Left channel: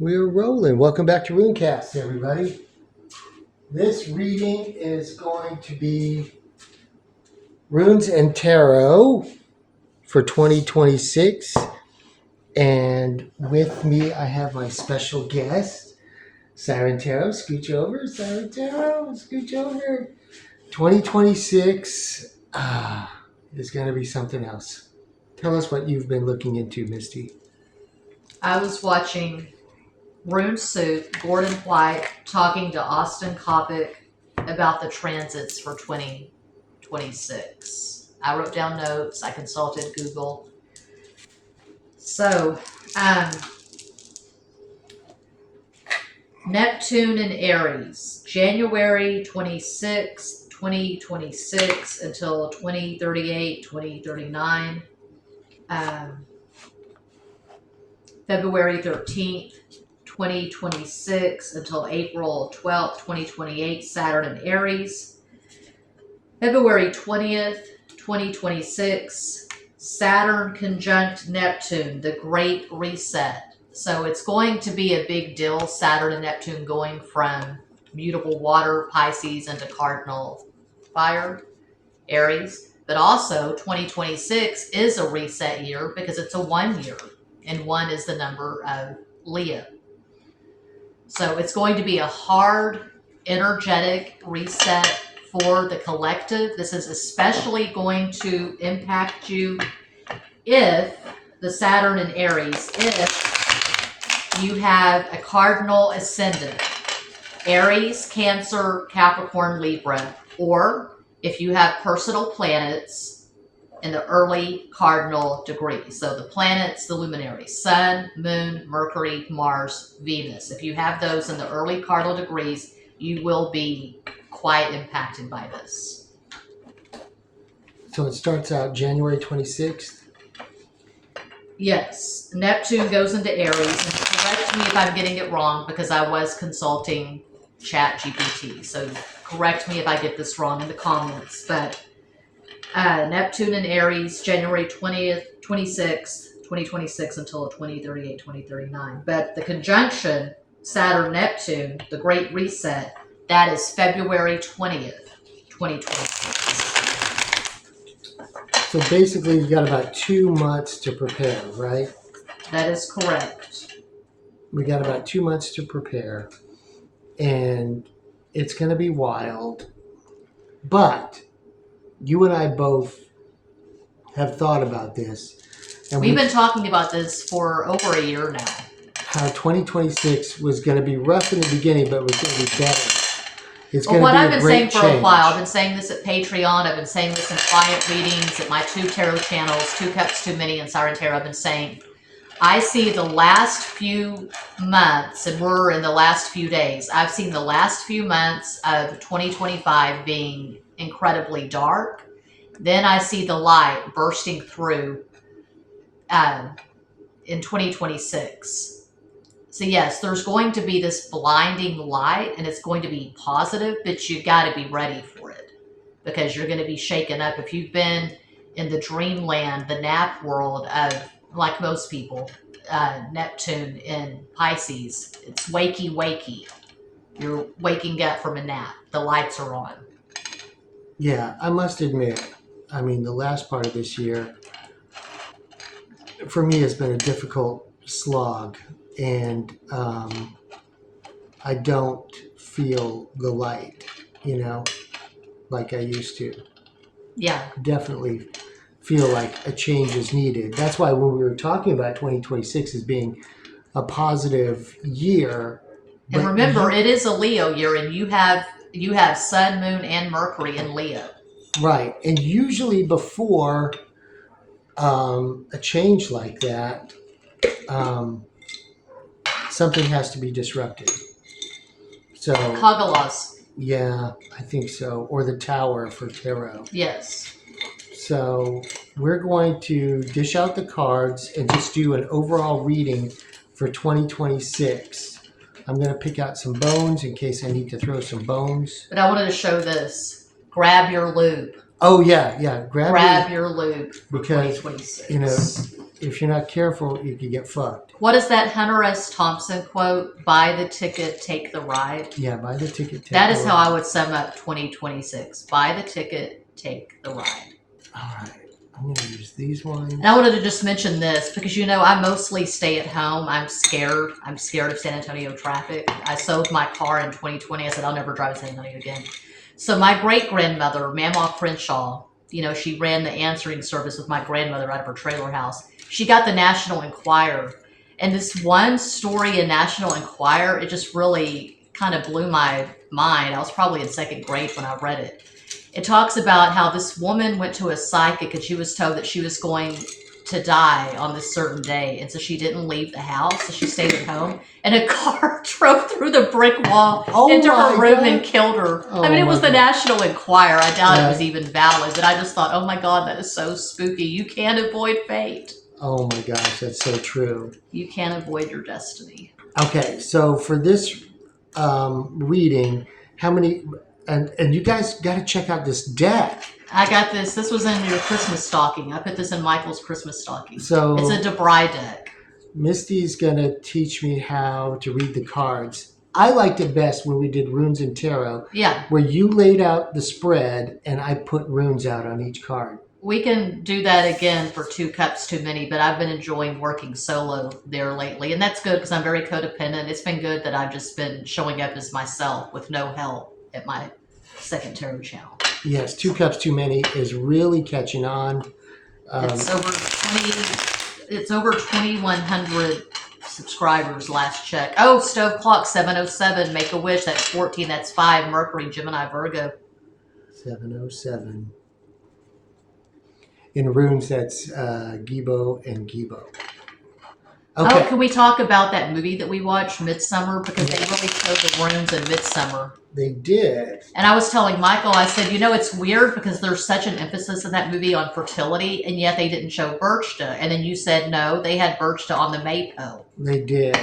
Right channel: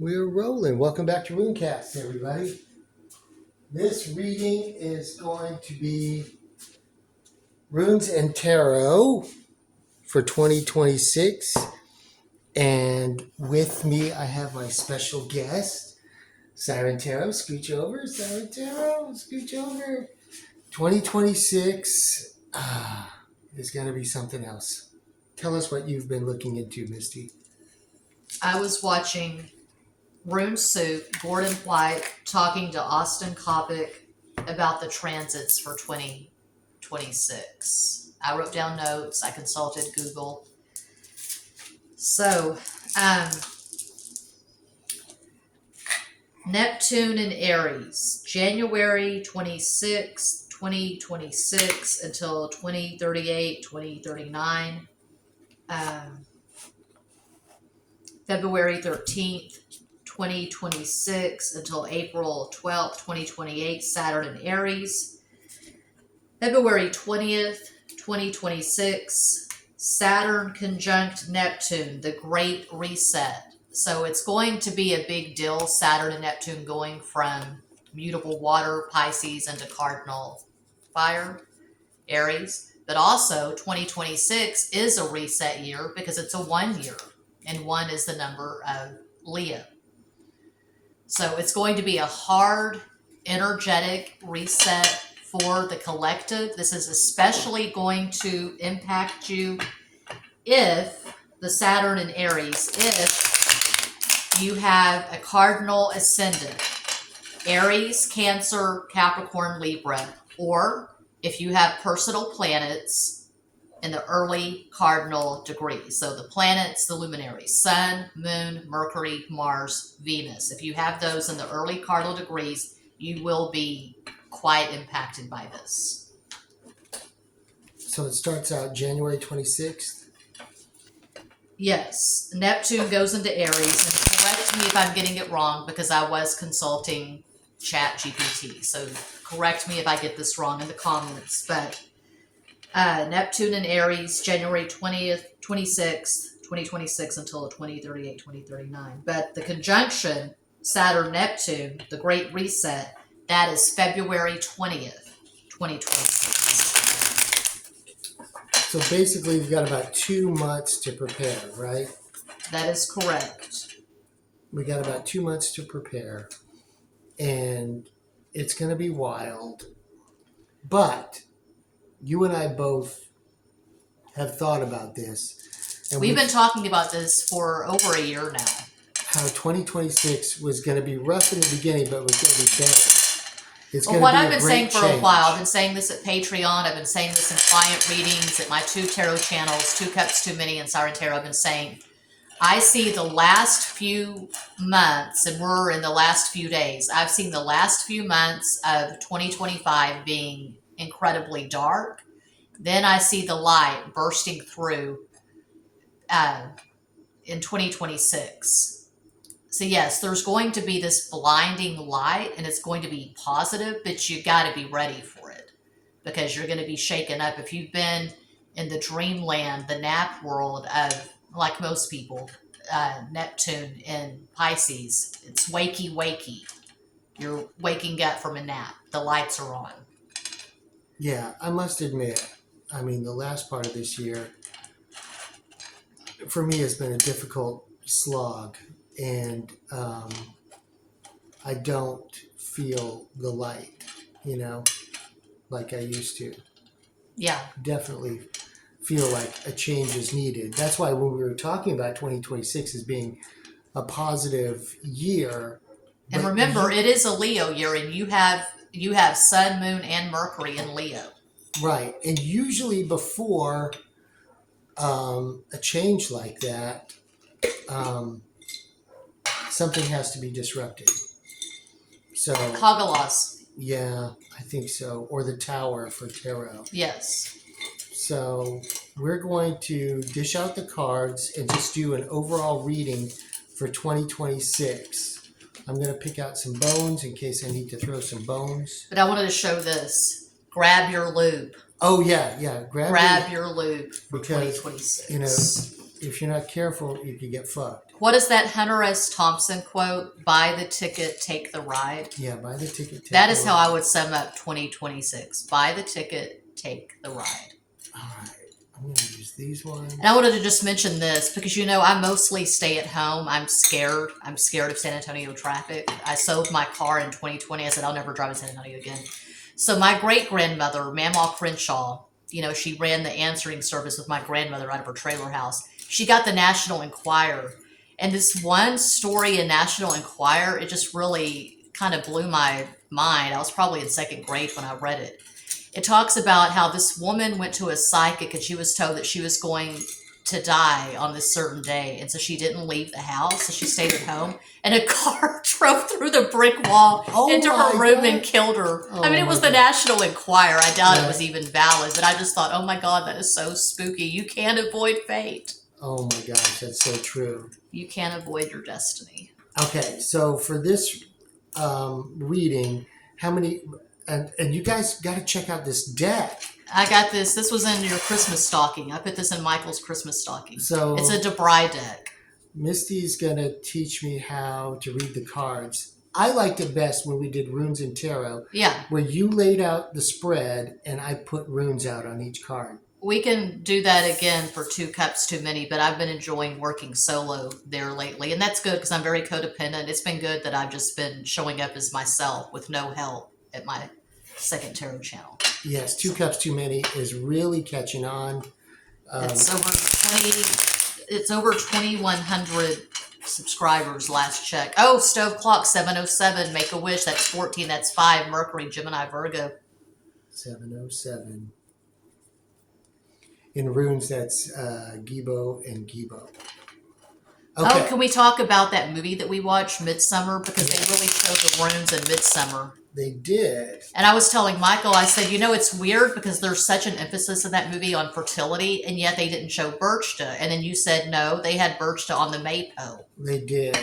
We're rolling. Welcome back to Runecast, everybody. This reading is going to be Runes and Tarot for 2026. And with me, I have my special guest, Siren Tarot. Scooch over, Siren Tarot. Scooch over. 2026 is going to be something else. Tell us what you've been looking into, Misty. I was watching Rune Soup, Gordon White talking to Austin Coppock about the transits for 2026. I wrote down notes. I consulted Google. So, Neptune in Aries, January 26th, 2026 until 2038, 2039. February 13th, 2026 until April 12th, 2028, Saturn in Aries. February 20th, 2026, Saturn conjunct Neptune, the Great Reset. So it's going to be a big deal, Saturn and Neptune going from mutable water, Pisces, into cardinal fire, Aries. But also 2026 is a reset year because it's a 1 year. And 1 is the number of Leo. So it's going to be a hard, energetic reset for the collective. This is especially going to impact you if the Saturn in Aries, if you have a cardinal ascendant, Aries, Cancer, Capricorn, Libra, or if you have personal planets in the early cardinal degrees. So the planets, the luminaries, Sun, Moon, Mercury, Mars, Venus. If you have those in the early cardinal degrees, you will be quite impacted by this. So it starts out January 26th. Yes, Neptune goes into Aries, and correct me if I'm getting it wrong because I was consulting ChatGPT. So correct me if I get this wrong in the comments, but Neptune in Aries, January 20th, 26th, 2026 until 2038, 2039. But the conjunction, Saturn-Neptune, the Great Reset, that is February 20th, 2026. So basically, you've got about 2 months to prepare, right? That is correct. We got about 2 months to prepare, and it's going to be wild. But you and I both have thought about this. And we've been talking about this for over a year now. How 2026 was going to be rough in the beginning, but was going to be better. It's going to be I've been saying for a while, I've been saying this at Patreon, I've been saying this in quiet readings at my 2 tarot channels, 2 Cups Too Many and Siren Tarot. I've been saying, I see the last few months, and we're in the last few days, I've seen the last few months of 2025 being incredibly dark. Then I see the light bursting through in 2026. So yes, there's going to be this blinding light, and it's going to be positive, but you got to be ready for it because you're going to be shaken up. If you've been in the dreamland, the nap world of, like most people, Neptune in Pisces, it's wakey. You're waking up from a nap. The lights are on. Yeah, I must admit, I mean, the last part of this year, for me, has been a difficult slog. And I don't feel the light, like I used to. Yeah. Definitely feel like a change is needed. That's why when we were talking about 2026 as being a positive year. And remember, it is a Leo year, and you have Sun, Moon, and Mercury in Leo. Right. And usually before a change like that, something has to be disrupted. So Hagalas. Yeah, I think so. Or the Tower for tarot. Yes. So we're going to dish out the cards and just do an overall reading for 2026. I'm going to pick out some bones in case I need to throw some bones. But I wanted to show this. Grab your loop. Oh, yeah. Grab your loop for because, 2026. if you're not careful, you could get fucked. What is that Hunter S. Thompson quote? Buy the ticket, take the ride. Yeah, buy the ticket. Take That the is ride. how I would sum up 2026. Buy the ticket, take the ride. All right. I'm going to use these ones. And I wanted to just mention this because, you know, I mostly stay at home. I'm scared. I'm scared of San Antonio traffic. I sold my car in 2020. I said, I'll never drive to San Antonio again. So my great-grandmother, Mamaw Crenshaw, you know, she ran the answering service with my grandmother out of her trailer house. She got the National Enquirer. And this one story in National Enquirer, it just really kind of blew my mind. I was probably in second grade when I read it. It talks about how this woman went to a psychic and she was told that she was going to die on this certain day. And so she didn't leave the house. So she stayed at home. And a car drove through the brick wall into her room and killed her. I mean, it was the National Enquirer. I doubt it was even valid. But I just thought, oh my God, that is so spooky. You can't avoid fate. Oh my gosh, that's so true. You can't avoid your destiny. Okay, so for this reading, how many... And you guys got to check out this deck. I got this. This was in your Christmas stocking. I put this in Michael's Christmas stocking. So it's a Debray deck. Misty's going to teach me how to read the cards. I liked it best when we did Runes and Tarot. Yeah. Where you laid out the spread and I put runes out on each card. We can do that again for 2 Cups Too Many, but I've been enjoying working solo there lately. And that's good because I'm very codependent. It's been good that I've just been showing up as myself with no help at my second tarot channel. Yes, 2 Cups Too Many is really catching on. It's over 2,100 subscribers last check. Oh, Stove Clock 707, Make a Wish, that's 14, that's 5, Mercury, Gemini, Virgo. 707. In runes, that's Gibo and Gibo. Okay. Oh, can we talk about that movie that we watched, Midsummer? Because they really showed the runes in Midsummer. They did. And I was telling Michael, I said, you know, it's weird because there's such an emphasis in that movie on fertility, and yet they didn't show Birchta. And then you said, no, they had Birchta on the Maypo. They did.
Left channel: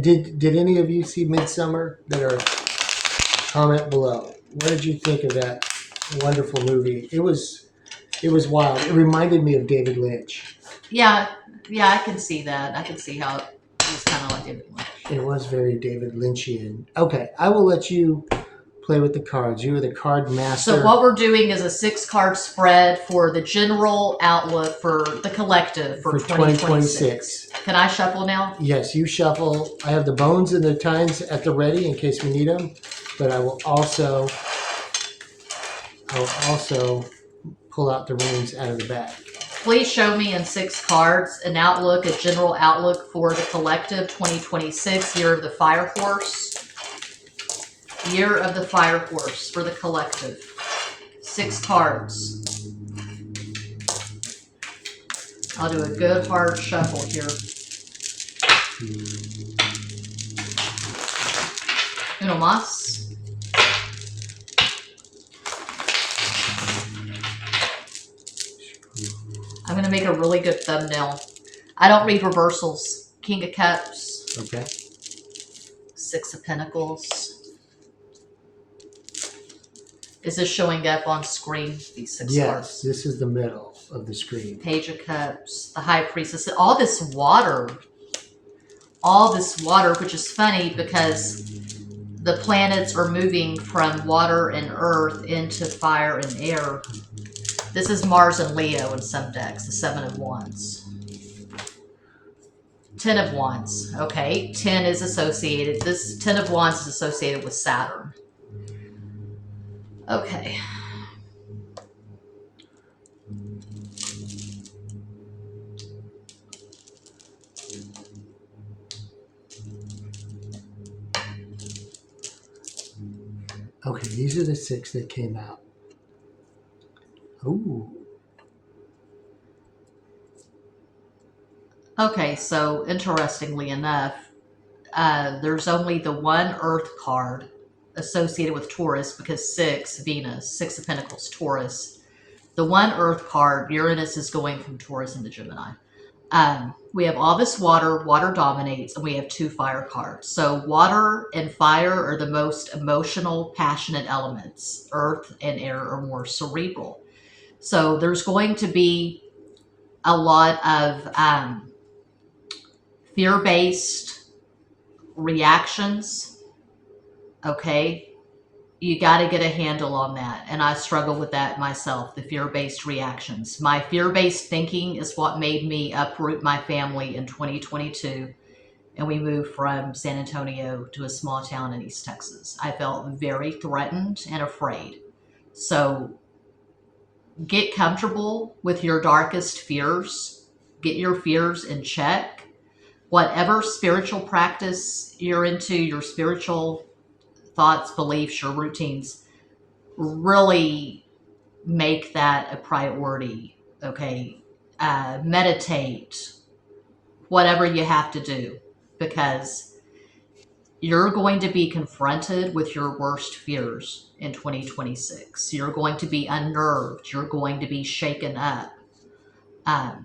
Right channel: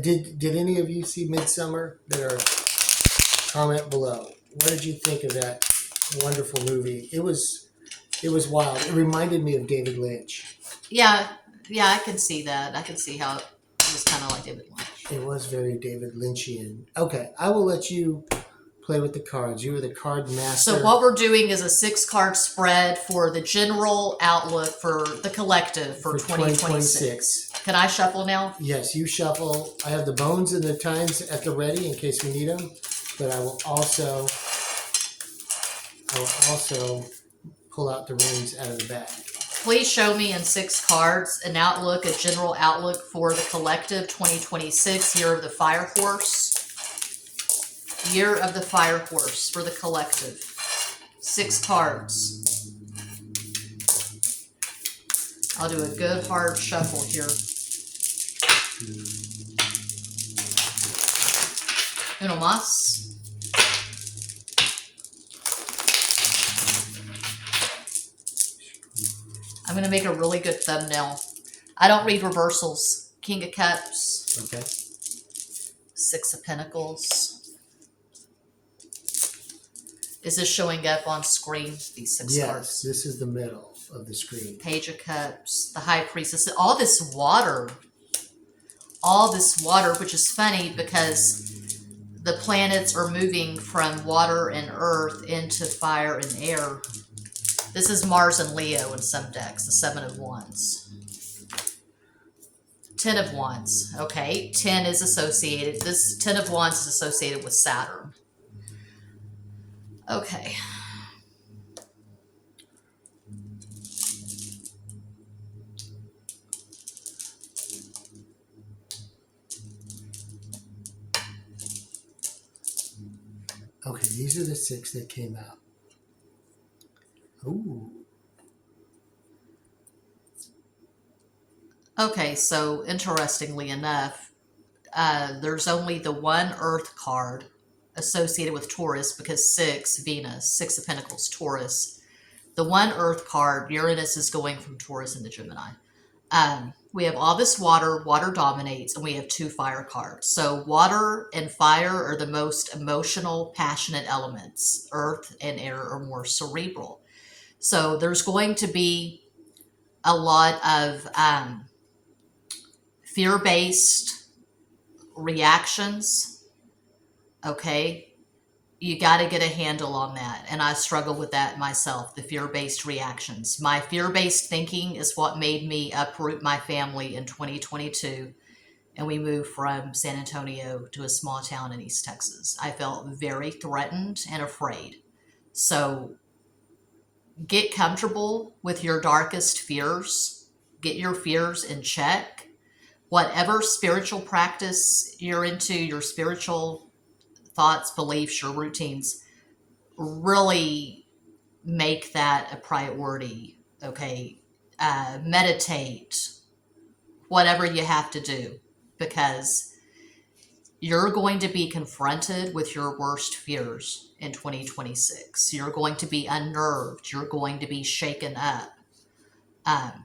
Did any of you see Midsummer? That are comment below. What did you think of that wonderful movie? It was wild. It reminded me of David Lynch. Yeah, I can see that. I can see how it was kind of like David Lynch. It was very David Lynchian. Okay, I will let you play with the cards. You are the card master. So what we're doing is a 6-card spread for the general outlook for the collective for 2026. Can I shuffle now? Yes, you shuffle. I have the bones and the times at the ready in case we need them, but I will also pull out the runes out of the bag. Please show me in 6 cards an outlook, a general outlook for the collective 2026, Year of the Fire Horse. Year of the Fire Horse for the collective. 6 cards. I'll do a good hard shuffle here. Uno más. I'm going to make a really good thumbnail. I don't read reversals. King of Cups. Okay. 6 of Pentacles. Is this showing up on screen? These 6 cards. Yes, this is the middle of the screen. Page of Cups. The High Priestess. All this water. All this water, which is funny because the planets are moving from water and earth into fire and air. This is Mars and Leo in some decks, the 7 of Wands. 10 of Wands. Okay, 10 is associated. This 10 of Wands is associated with Saturn. Okay. Okay, these are the 6 that came out. Ooh. Okay, so interestingly enough, there's only the one Earth card associated with Taurus because 6, Venus, 6 of Pentacles, Taurus. The one Earth card, Uranus is going from Taurus into Gemini. We have all this water, water dominates, and we have 2 fire cards. So water and fire are the most emotional, passionate elements. Earth and air are more cerebral. So there's going to be a lot of fear-based reactions, okay? You got to get a handle on that. And I struggle with that myself, the fear-based reactions. My fear-based thinking is what made me uproot my family in 2022. And we moved from San Antonio to a small town in East Texas. I felt very threatened and afraid. So get comfortable with your darkest fears. Get your fears in check. Whatever spiritual practice you're into, your spiritual thoughts, beliefs, your routines, really make that a priority. Okay. Meditate, whatever you have to do, because you're going to be confronted with your worst fears in 2026. You're going to be unnerved. You're going to be shaken up. Um,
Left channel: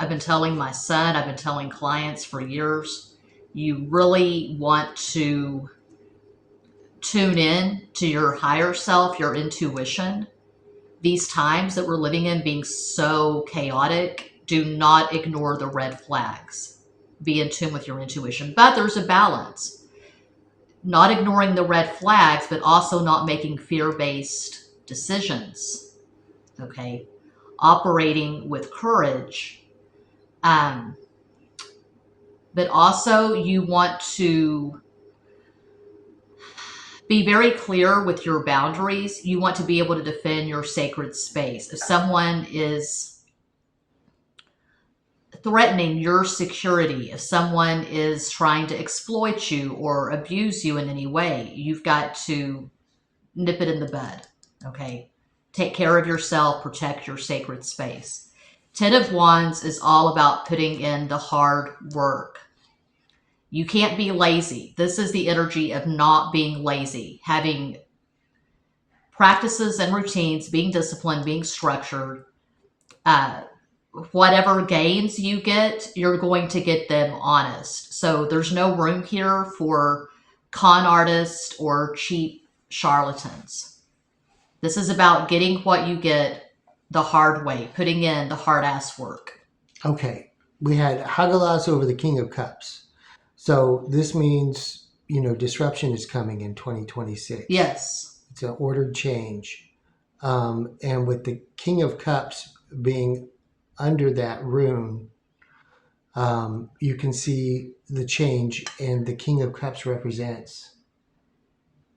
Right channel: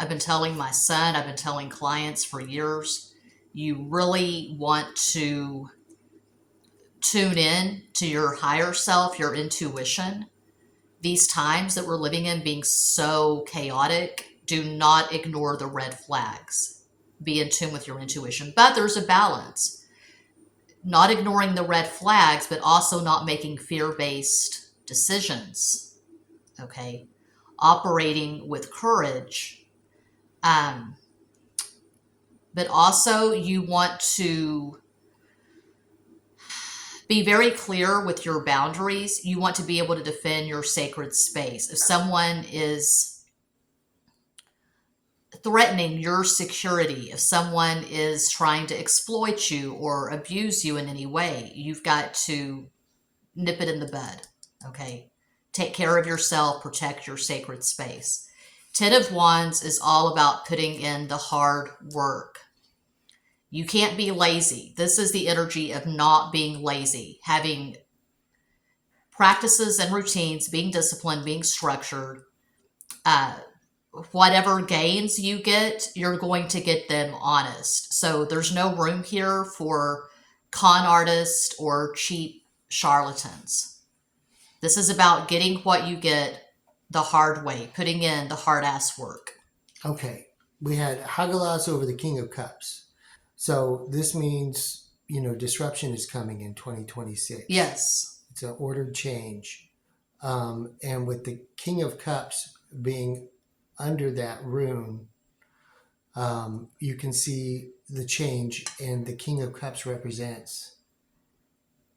I've been telling my son, I've been telling clients for years, you really want to tune in to your higher self, your intuition. These times that we're living in being so chaotic, do not ignore the red flags. Be in tune with your intuition. But there's a balance. Not ignoring the red flags, but also not making fear-based decisions. Okay? Operating with courage. But also you want to be very clear with your boundaries. You want to be able to defend your sacred space. If someone is threatening your security, if someone is trying to exploit you or abuse you in any way, you've got to nip it in the bud. Okay? Take care of yourself, protect your sacred space. Ten of Wands is all about putting in the hard work. You can't be lazy. This is the energy of not being lazy, having practices and routines, being disciplined, being structured. Whatever gains you get, you're going to get them honest. So there's no room here for con artists or cheap charlatans. This is about getting what you get the hard way, putting in the hard ass work. Okay. We had Hagalas over the King of Cups. So this means, disruption is coming in 2026. Yes. It's an ordered change. And with the King of Cups being under that rune, you can see the change, and the King of Cups represents.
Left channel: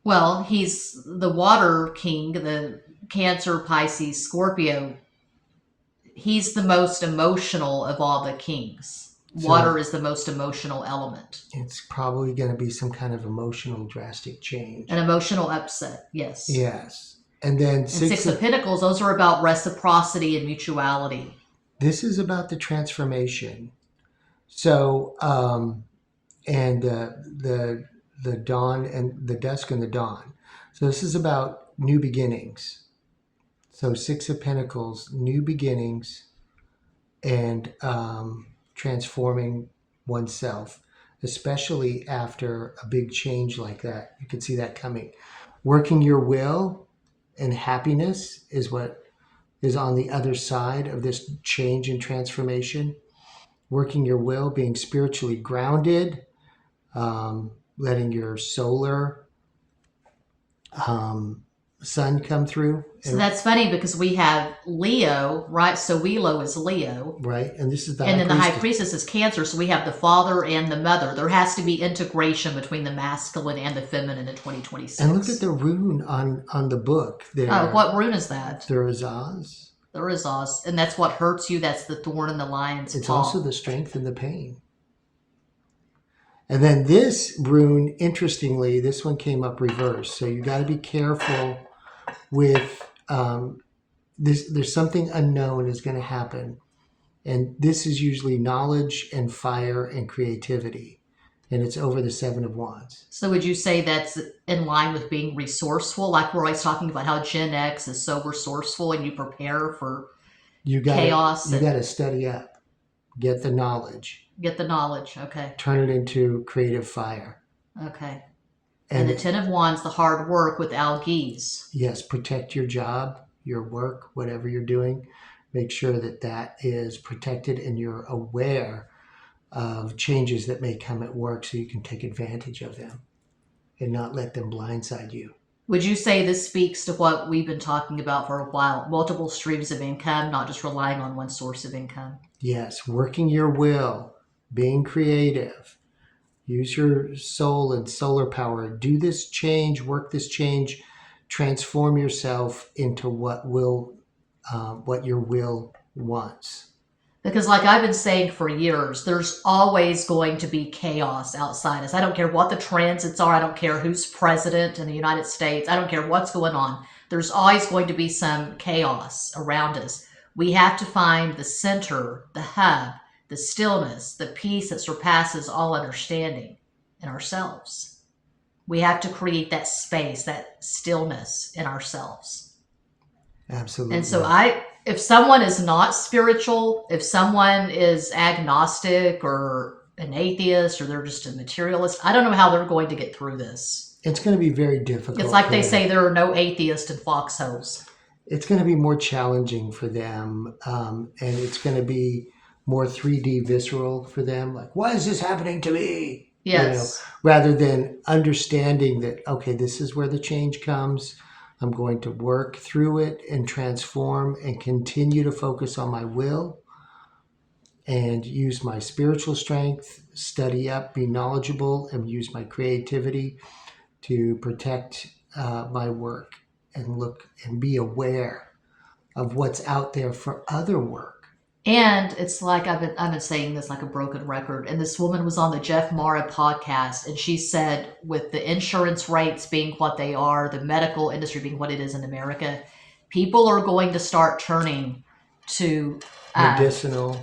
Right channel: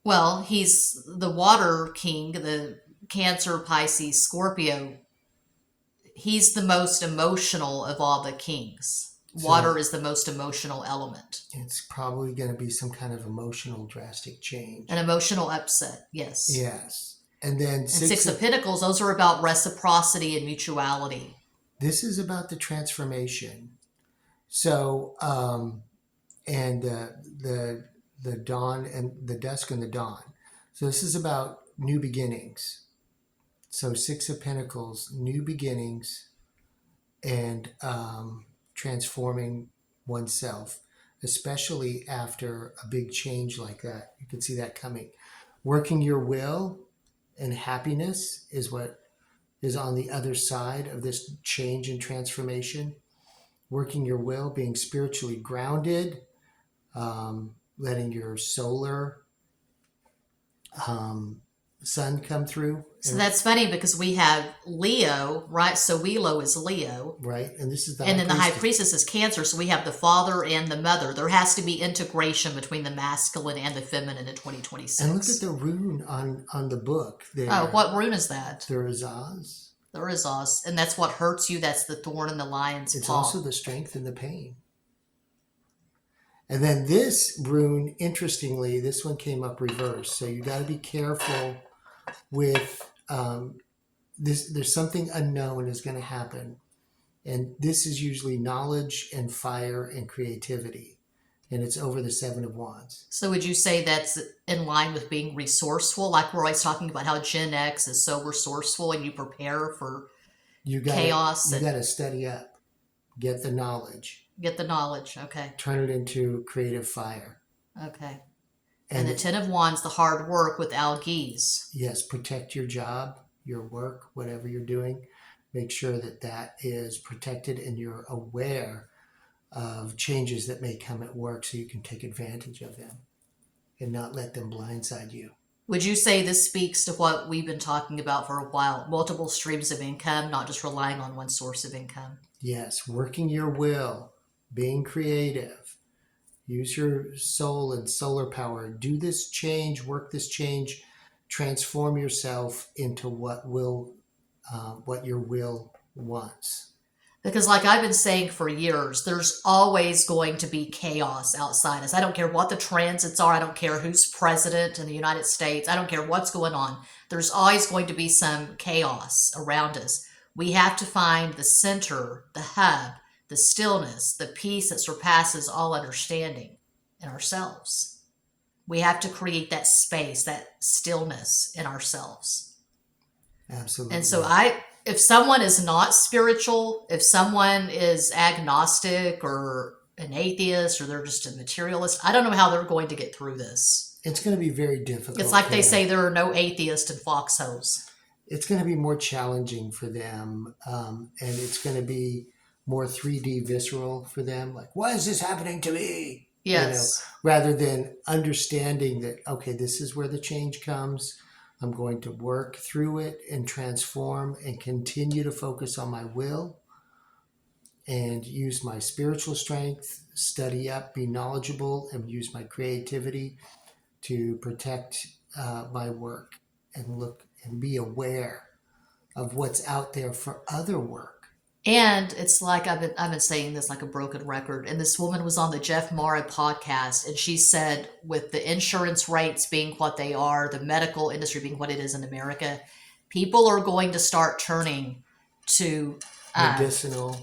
Well, he's the water king, the Cancer, Pisces, Scorpio. He's the most emotional of all the kings. Water is the most emotional element. It's probably going to be some kind of emotional drastic change. An emotional upset, yes. Yes. And then Six of Pentacles, those are about reciprocity and mutuality. This is about the transformation. So, and the dawn and the dusk and the dawn. So this is about new beginnings. So Six of Pentacles, new beginnings, and transforming oneself, especially after a big change like that. You can see that coming. Working your will and happiness is what is on the other side of this change and transformation. Working your will, being spiritually grounded, letting your solar sun come through. So that's funny because we have Leo, right? So Willow is Leo. Right. And this is the And then the High Priestess is Cancer. So we have the father and the mother. There has to be integration between the masculine and the feminine in 2026. And look at the rune on the book there. Oh, what rune is that? There is Oz. There is Oz. And that's what hurts you. That's the thorn in the lion's paw. It's also the strength and the pain. And then this rune, interestingly, this one came up reversed. So you got to be careful with this. There's something unknown is going to happen. And this is usually knowledge and fire and creativity. And it's over the Seven of Wands. So would you say that's in line with being resourceful? Like we're always talking about how Gen X is so resourceful and you prepare for chaos. You got to study up. Get the knowledge. Get the knowledge, okay. Turn it into creative fire. Okay. And the Ten of Wands, the hard work with algiz. Yes, protect your job, your work, whatever you're doing. Make sure that that is protected and you're aware of changes that may come at work so you can take advantage of them and not let them blindside you. Would you say this speaks to what we've been talking about for a while? Multiple streams of income, not just relying on one source of income? Yes, working your will, being creative, use your soul and solar power. Do this change, work this change, transform yourself into what your will wants. Because like I've been saying for years, there's always going to be chaos outside us. I don't care what the transits are. I don't care who's president in the United States. I don't care what's going on. There's always going to be some chaos around us. We have to find the center, the hub, the stillness, the peace that surpasses all understanding in ourselves. We have to create that space, that stillness in ourselves. Absolutely. And so if someone is not spiritual, if someone is agnostic or an atheist or they're just a materialist, I don't know how they're going to get through this. It's going to be very difficult. It's like they say there are no atheists in foxholes. It's going to be more challenging for them, and it's going to be more 3D visceral for them. Like, why is this happening to me? Yes. Rather than understanding that, okay, this is where the change comes. I'm going to work through it and transform and continue to focus on my will and use my spiritual strength, study up, be knowledgeable, and use my creativity to protect my work and look and be aware of what's out there for other work. And it's like I've been saying this like a broken record. And this woman was on the Jeff Mara podcast, and she said, with the insurance rates being what they are, the medical industry being what it is in America, people are going to start turning to Medicinal.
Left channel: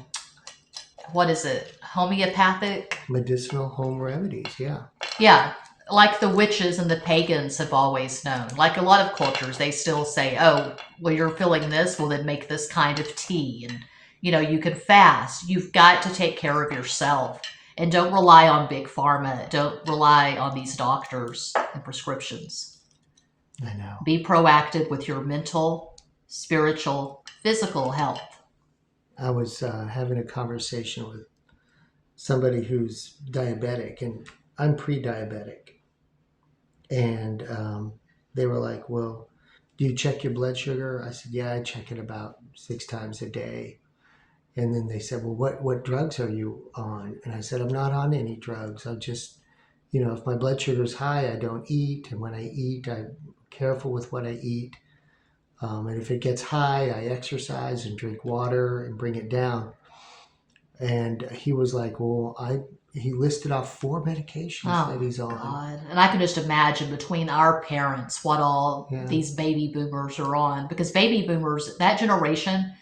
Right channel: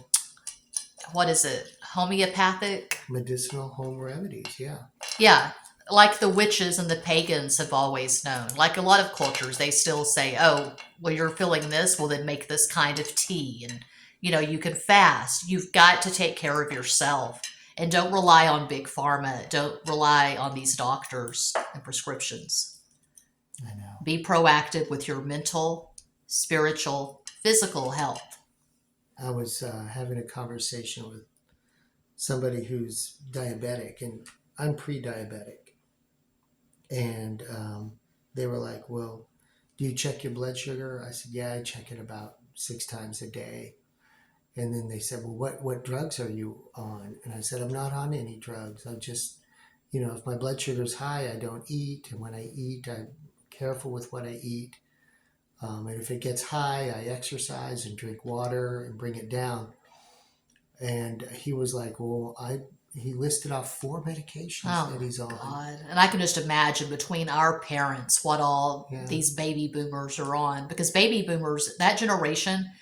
What is it? Homeopathic? Medicinal home remedies, yeah. Yeah. Like the witches and the pagans have always known. Like a lot of cultures, they still say, oh, well, you're feeling this, well, then make this kind of tea. And you can fast. You've got to take care of yourself. And don't rely on big pharma. Don't rely on these doctors and prescriptions. I know. Be proactive with your mental, spiritual, physical health. I was having a conversation with somebody who's diabetic, and I'm pre-diabetic. And they were like, well, do you check your blood sugar? I said, yeah, I check it about 6 times a day. And then they said, well, what drugs are you on? And I said, I'm not on any drugs. I just, if my blood sugar is high, I don't eat. And when I eat, I'm careful with what I eat. And if it gets high, I exercise and drink water and bring it down. And he was like, well, he listed off 4 medications that he's on. God. And I can just imagine between our parents what all these baby boomers are on. Because baby boomers, that generation,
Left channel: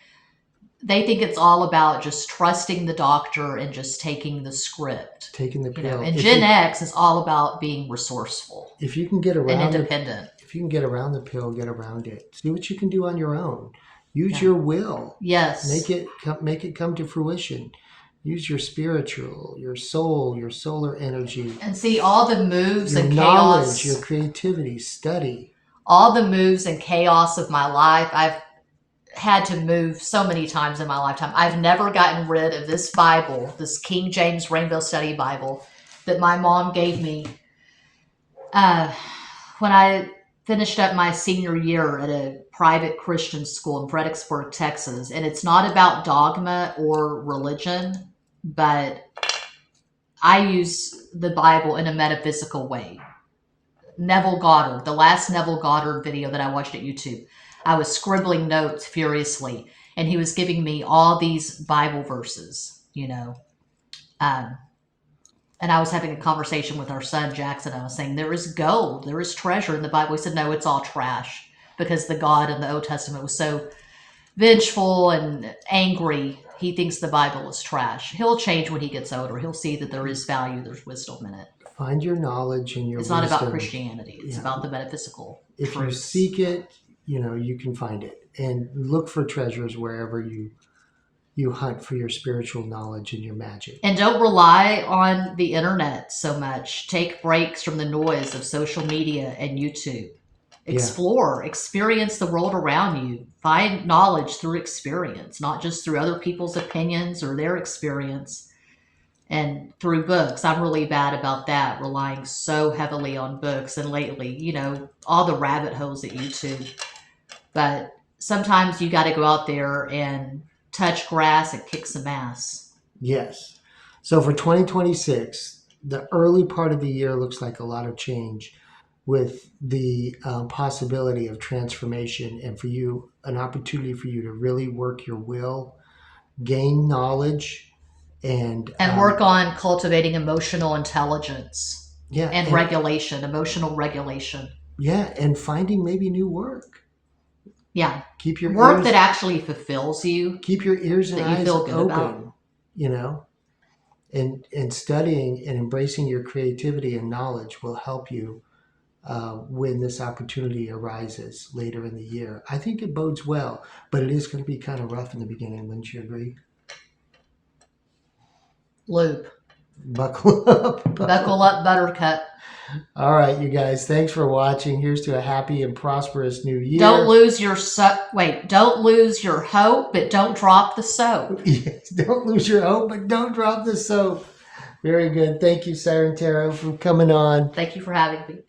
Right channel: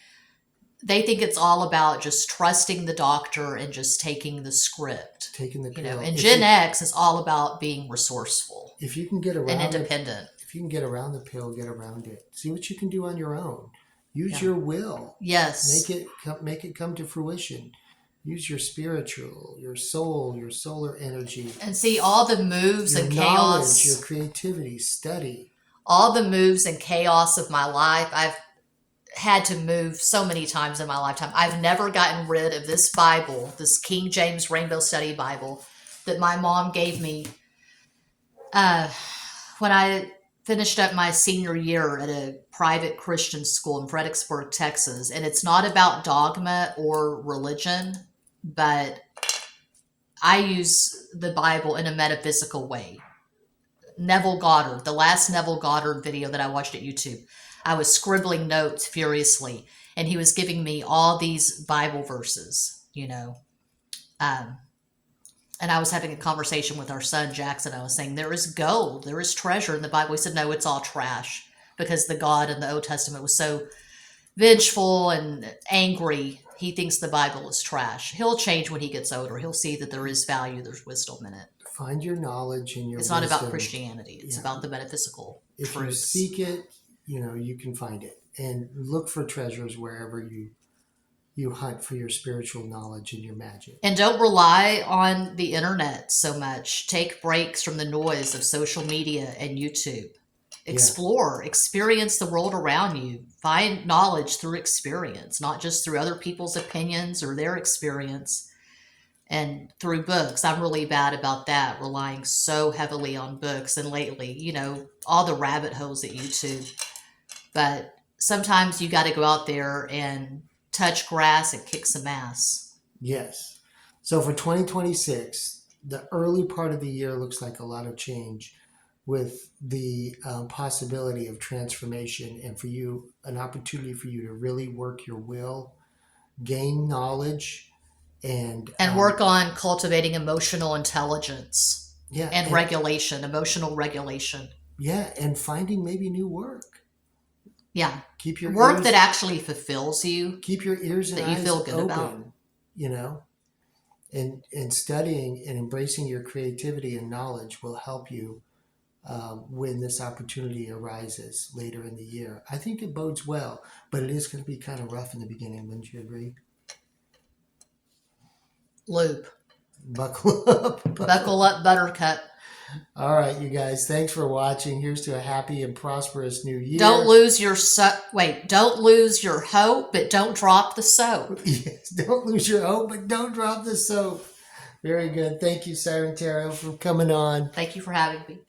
they think it's all about just trusting the doctor and just taking the script. Taking the pill. And Gen X is all about being resourceful. If you can get around and independent. If you can get around the pill, get around it. See what you can do on your own. Use your will. Yes. Make it come to fruition. Use your spiritual, your soul, your solar energy. And see all the moves your and knowledge, chaos. your creativity, study. All the moves and chaos of my life, I've had to move so many times in my lifetime. I've never gotten rid of this Bible, this King James Rainbow Study Bible that my mom gave me when I finished up my senior year at a private Christian school in Fredericksburg, Texas. And it's not about dogma or religion, but I use the Bible in a metaphysical way. Neville Goddard, the last Neville Goddard video that I watched at YouTube, I was scribbling notes furiously, and he was giving me all these Bible verses, and I was having a conversation with our son, Jackson. I was saying, there is gold, there is treasure in the Bible. He said, no, it's all trash, because the God in the Old Testament was so vengeful and angry. He thinks the Bible is trash. He'll change when he gets older. He'll see that there is value, there's wisdom in it. Find your knowledge and your It's wisdom. not about Christianity. It's about the metaphysical If truths. you seek it, you can find it. And look for treasures wherever you hunt for your spiritual knowledge and your magic. And don't rely on the internet so much. Take breaks from the noise of social media and YouTube. Explore, experience the world around you. Find knowledge through experience, not just through other people's opinions or their experience. and through books. I'm really bad about that, relying so heavily on books. And lately, you know, all the rabbit holes at YouTube. But sometimes you got to go out there and touch grass and kick some ass. Yes. So for 2026, the early part of the year looks like a lot of change, with the possibility of transformation, and for you, an opportunity for you to really work your will, gain knowledge, and work on cultivating emotional intelligence yeah, and regulation, emotional regulation. Yeah, and finding maybe new work. Yeah. Keep your work ears, that actually fulfills you. keep your ears and that you eyes feel good open, about. you know, and studying and embracing your creativity and knowledge will help you when this opportunity arises later in the year. I think it bodes well, but it is going to be kind of rough in the beginning. Wouldn't you agree? Loop. Buckle up. Buckle up, buttercup. All right, you guys. Thanks for watching. Here's to a happy and prosperous new year. Don't lose your Don't lose your hope, but don't drop the soap. Yes, don't lose your hope, but don't drop the soap. Very good. Thank you, Siren Tarot, for coming on. Thank you for having me.